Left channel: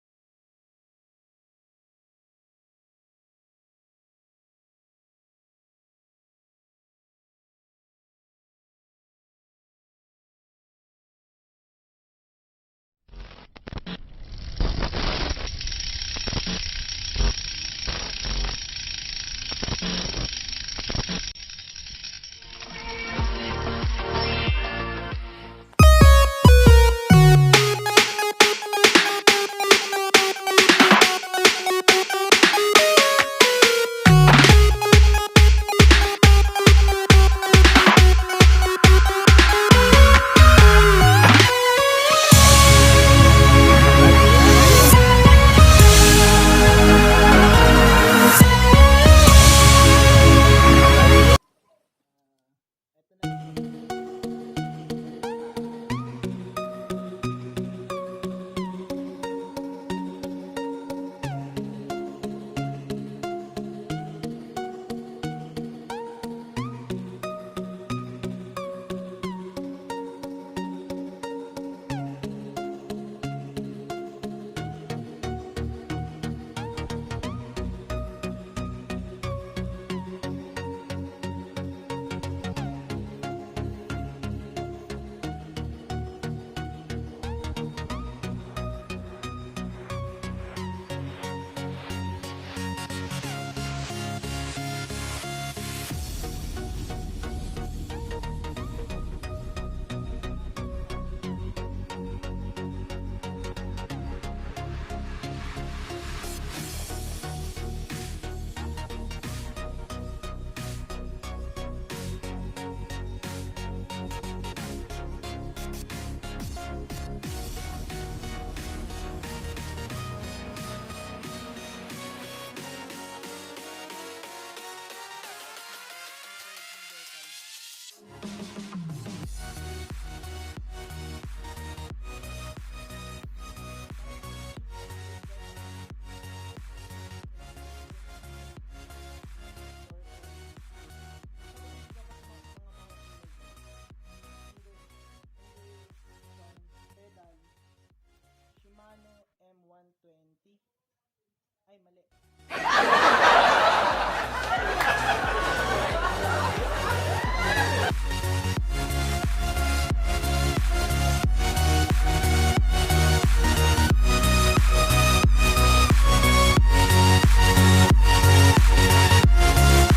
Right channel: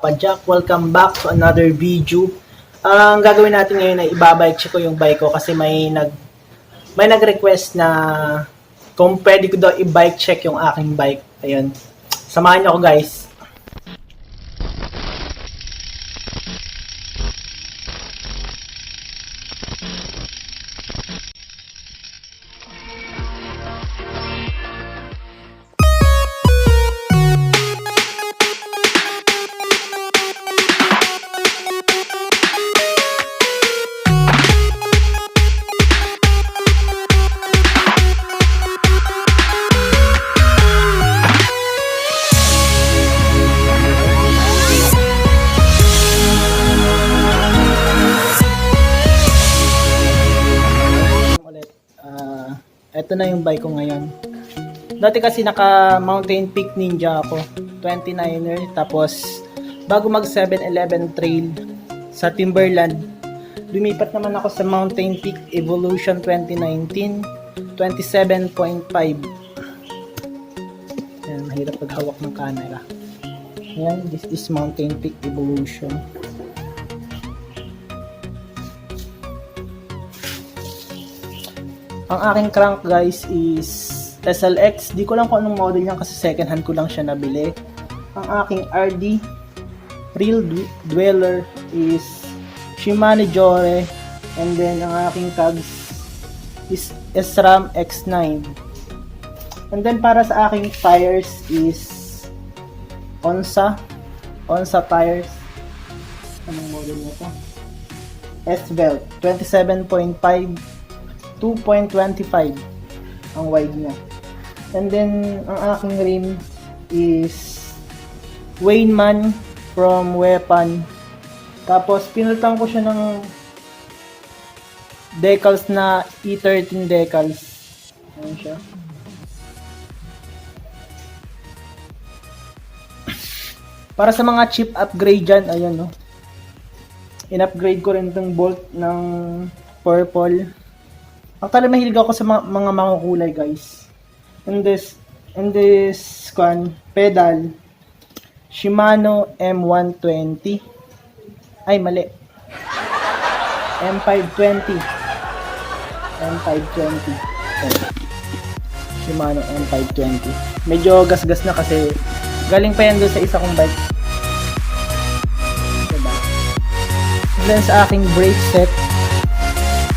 Pajak, welcome back to another video. Ang gagawin natin ngayon ay ibabike check ko yung bike ko kasi may nag-request na kung pwede ko daw i-bike check yung aking bike. Ayun. Samahan niyo ako, guys. Ito na yung bike ko ngayon. Dati kasi naka mountainpeak ninja ako, 29er, tapos bago mag 7-Eleven trail sa Timberland, lumipat naman ako sa mountainpeak evolution 2019, 27.5. Ayan, mahirap paghawak ng camera. Ayan, this is mountainpeak evolution. Ang aking crank, guys, is SLX. Di ko lang kung anong model yan kasi second hand ko lang siya nabili. Ang aking RD Real Dweller is Shimano Jore, and then ang aking tags is SRAM X9. And then para sa aking tires is Onsa tires. Anong model na ito? S-Belt 27.5, 2.25 ang wide niya. And then ang aking rim is Wayman from Weapon. Tapos pinalitan ko siya ng decals na E13 decals. Ayan siya. Para sa mga cheap upgrade dyan, ayan, no. In-upgrade ko rin itong bolt ng purple. Actually, mahilig ako sa mga makukulay, guys. In this pedal, Shimano M120. Ay, mali. M520. Shimano M520. Medyo gas-gas na kasi galing pa yan doon sa isa kong bike. Diba? And then sa aking brake set,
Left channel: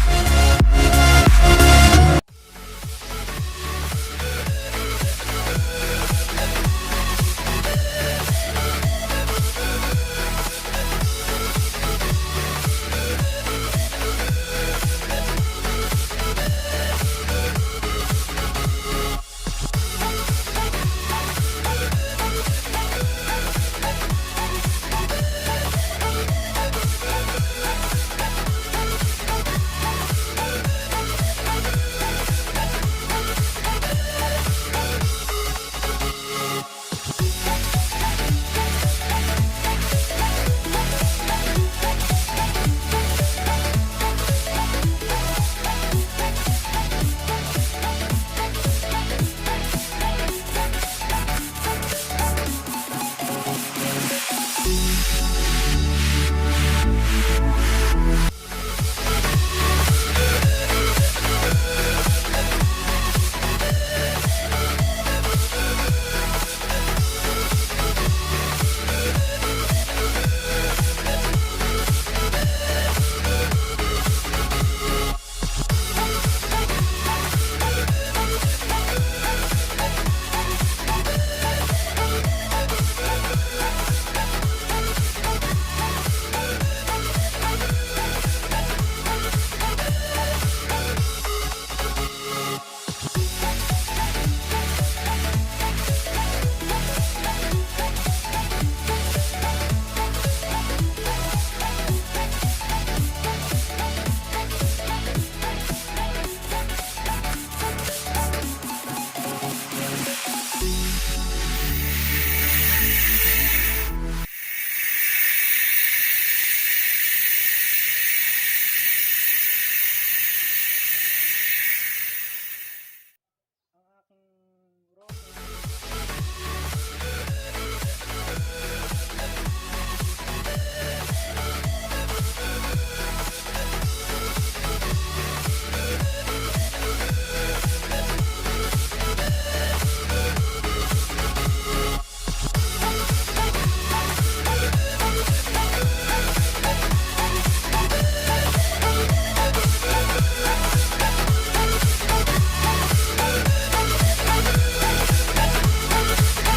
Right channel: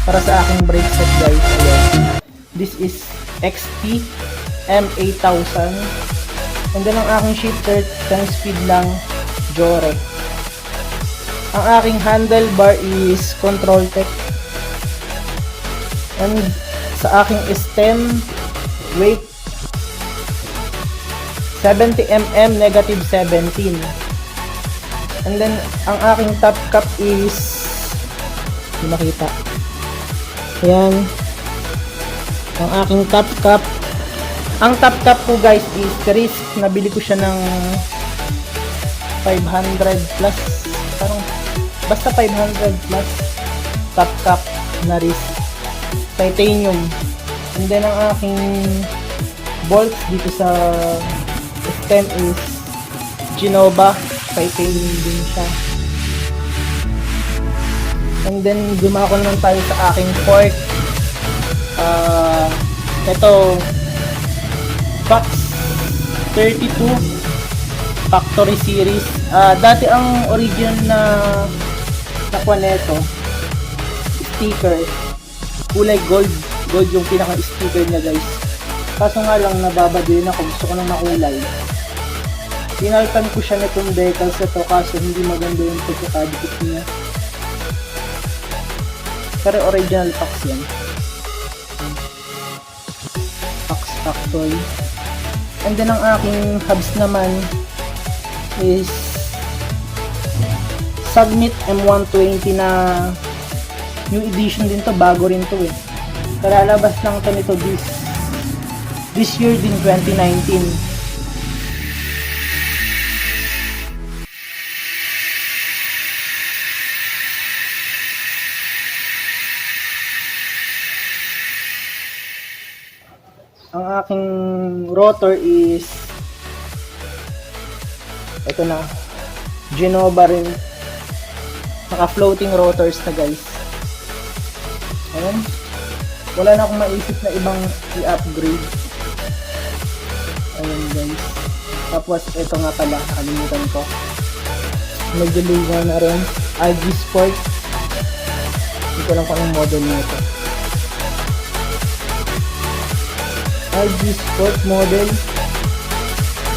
para sa aking brake set, guys, this is XT M8000. And then ang aking shifter, 10 speed lang, Jore. Ang aking handlebar is Control Tech. And sa aking stem, weight 70mm, negative 17. And then ang aking top cap is, hindi makita. Ayan. Ang aking top cap. Ang top cap ko, guys, is Risk. Nabili ko siya ng 500 plus. Basta 500 plus. Top cap na Risk. Titanium. And then ang aking bolts dito sa stem is Genova. Titanium din siya. And then dumako naman tayo sa aking fork. Ito Fox 32 Factory Series. Dati ang original na nakuha nito, sticker, kulay gold yung pinaka sticker na, guys. Kaso nga lang nababadin ako, gusto ko ng makulay. Pinalitan ko siya na itong decals na to kaso hindi maganda yung pagkakadikit niya. Pero original Fox yan. Fox actually. And then ang aking hubs naman is Submit M120 na new edition din to, bago rin to eh. Kalalabas lang to nito this year din, 2019. Ang aking rotor is ito na, Genova rin. Naka floating rotors na guys. Ayan. Wala na akong maisip na ibang i-upgrade. Ayan guys. Tapos ito nga pala, kalimutan ko. Medyo ligaw na rin. IG Sport. Hindi ko lang kung anong model nito. IG Sport model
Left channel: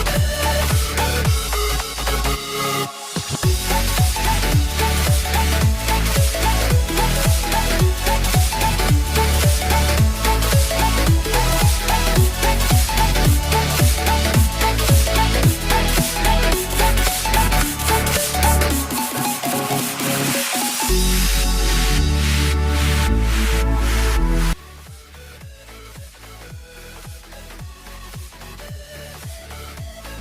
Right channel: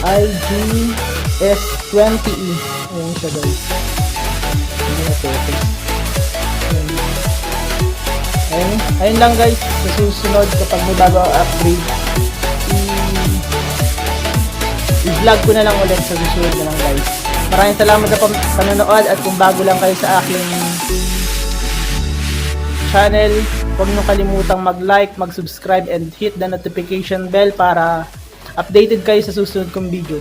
IGS20E. Ayan siya guys. Ayun lang guys, sa susunod kapag may bago ang upgrade, i-vlog ko na lang ulit sa susunod na lang guys. Maraming salamat sa panonood, at kung bago lang kayo sa aking channel, huwag nyo kalimutang mag-like, mag-subscribe, and hit the notification bell para updated kayo sa susunod kong video.